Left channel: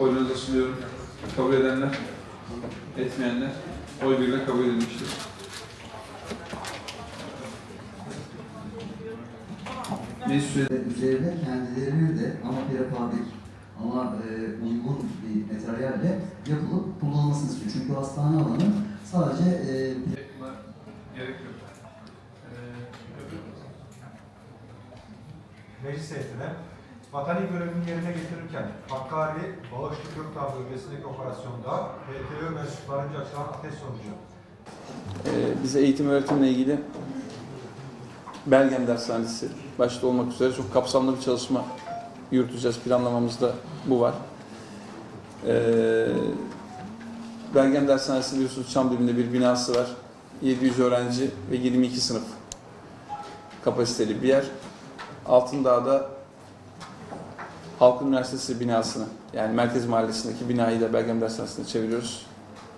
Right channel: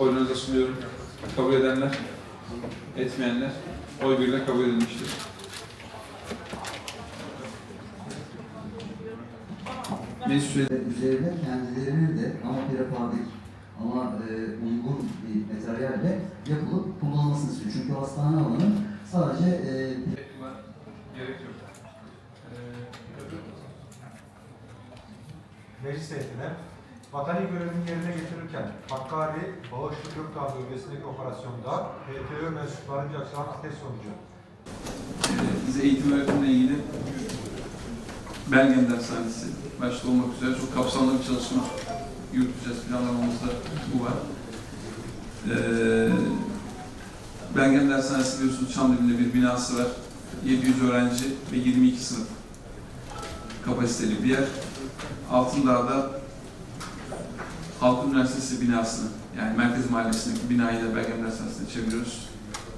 Oyunuza sunuyorum. Kabul edenler, etmeyenler oy birliğiyle kabul edilmiştir. Meclis üzerine kendilerinin de ama prefabrik ama e, uygun bir materyalle yapılıp kullanılmasını istiyor. Çünkü hastane alanı sadece e, gerek yok. Meclis heyetine vatani görevini yerine getirirken Hakkari, Bağışlı Gökdağ bölgesindeki operasyonda PTÖ mensuplarınca açılan ateş sonucu Ee, bize eğitim öğretimle ilgili Belgen Dershanesi başta olmak üzere çok kapsamlı bir çalışma yürüteceğiz. Planlamamızda bu var. Ee, Belgen Dershanesi biliyorsunuz Çamlıbel'de bir binası var. 700 öğrenci ve 22 sınıf kapasiteli bir yer. Altındağ'da Halk Üniversitesi binasını yani Merkez Mahallesi'ndeki binayı da Belgen Dershanesi'ne çeviriyoruz.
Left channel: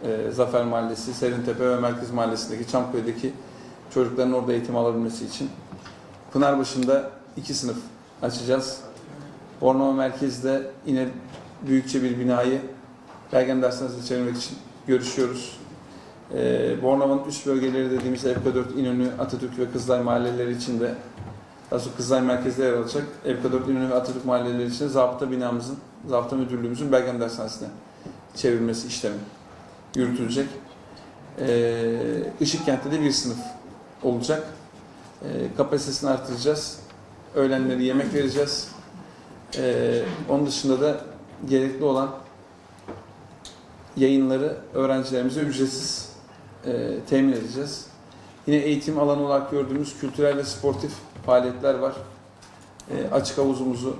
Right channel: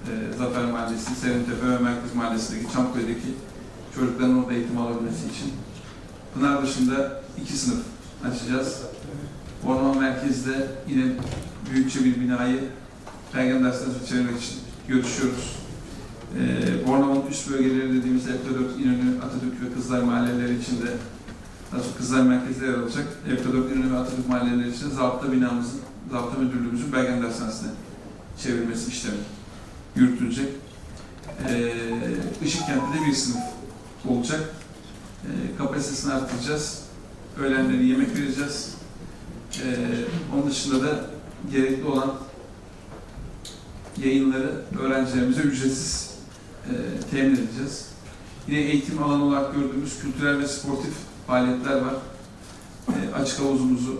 Ee, Zafer Mahallesi, Serintepe ve Merkez Mahallesi'ndeki Çamköy'deki çocukların orada eğitim alabilmesi için. Pınarbaşı'nda iki sınıf açacağız. Orman Merkez'de yine büyükçe bir binayı Belgen Dershanesi'ne çevirmek için görüşüyoruz. Ee, Bornova'nın üst bölgeleri dediğimiz FK4, İnönü, Atatürk ve Kızlar mahalleleri içinde sonra Kızlar Merkez'de yer alacak. FK4, İnönü ve Atatürk mahalleleri içinde zabıta binamızın, zabıta müdürlüğümüzün Belgen Dershanesi'ne çevrilmesi işlemi yürütülecek. Ee, Işıkkent'te de bir sınıf olacak. Ee, kapasitesini artıracağız. Öğlenleri yemek vereceğiz. Ee, onun dışında da gerekli olan yayınları öğrencilerimize ücretsiz e, temin edeceğiz. Yine eğitim alanı olarak gördüğümüz kültürel ve sportif faaliyetler var. E, açık havuzumuzu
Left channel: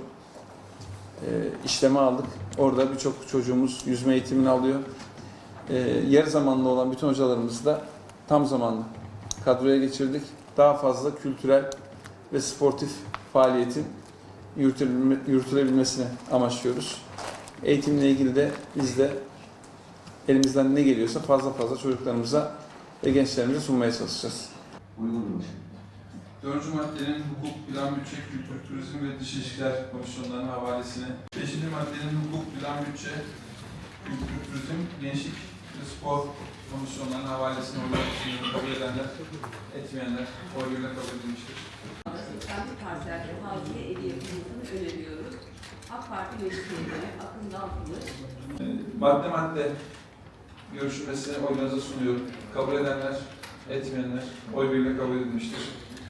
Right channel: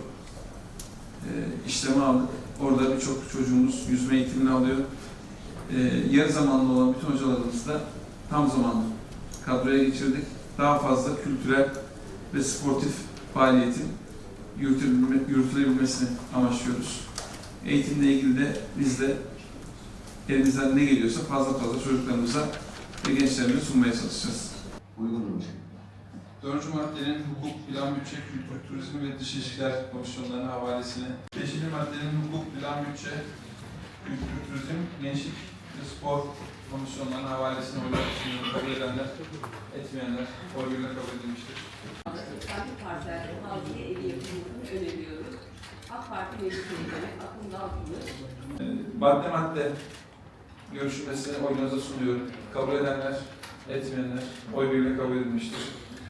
e, işleme aldık. Orada birçok çocuğumuz yüzme eğitimini alıyor. E, yarı zamanlı olan bütün hocalarımızı da tam zamanlı kadroya geçirdik. Daha fazla kültürel ve sportif faaliyetin yürütülebilme- yürütülebilmesini amaçlıyoruz. Eğitimle ilgili de biz de elimizden ne geliyorsa fazla fazla çocuklarımıza ve gençlerimize sunmaya çalışacağız. uygundur. Dördüncü maddenin hukuk, plan, bütçe, kültür, turizm ve dış ilişkiler komisyonlarının havalesini. Beşinci maddenin hukuk, plan, bütçe, kültür, turizm, gençlik ve spor komisyonlarının havalesini olarak. Kabul edenler, etmeyenler oy birliğiyle kabul edilmiştir. Kendi parselde hazine evi yapımını öneriyoruz. AK Parti Meclis Üyeleri Akın Dalkılıç, Ee, Madde madde görüşülmesini oyunuza sunuyorum. Kabul edenler, etmeyenler oy birliğiyle kabul edilmiştir.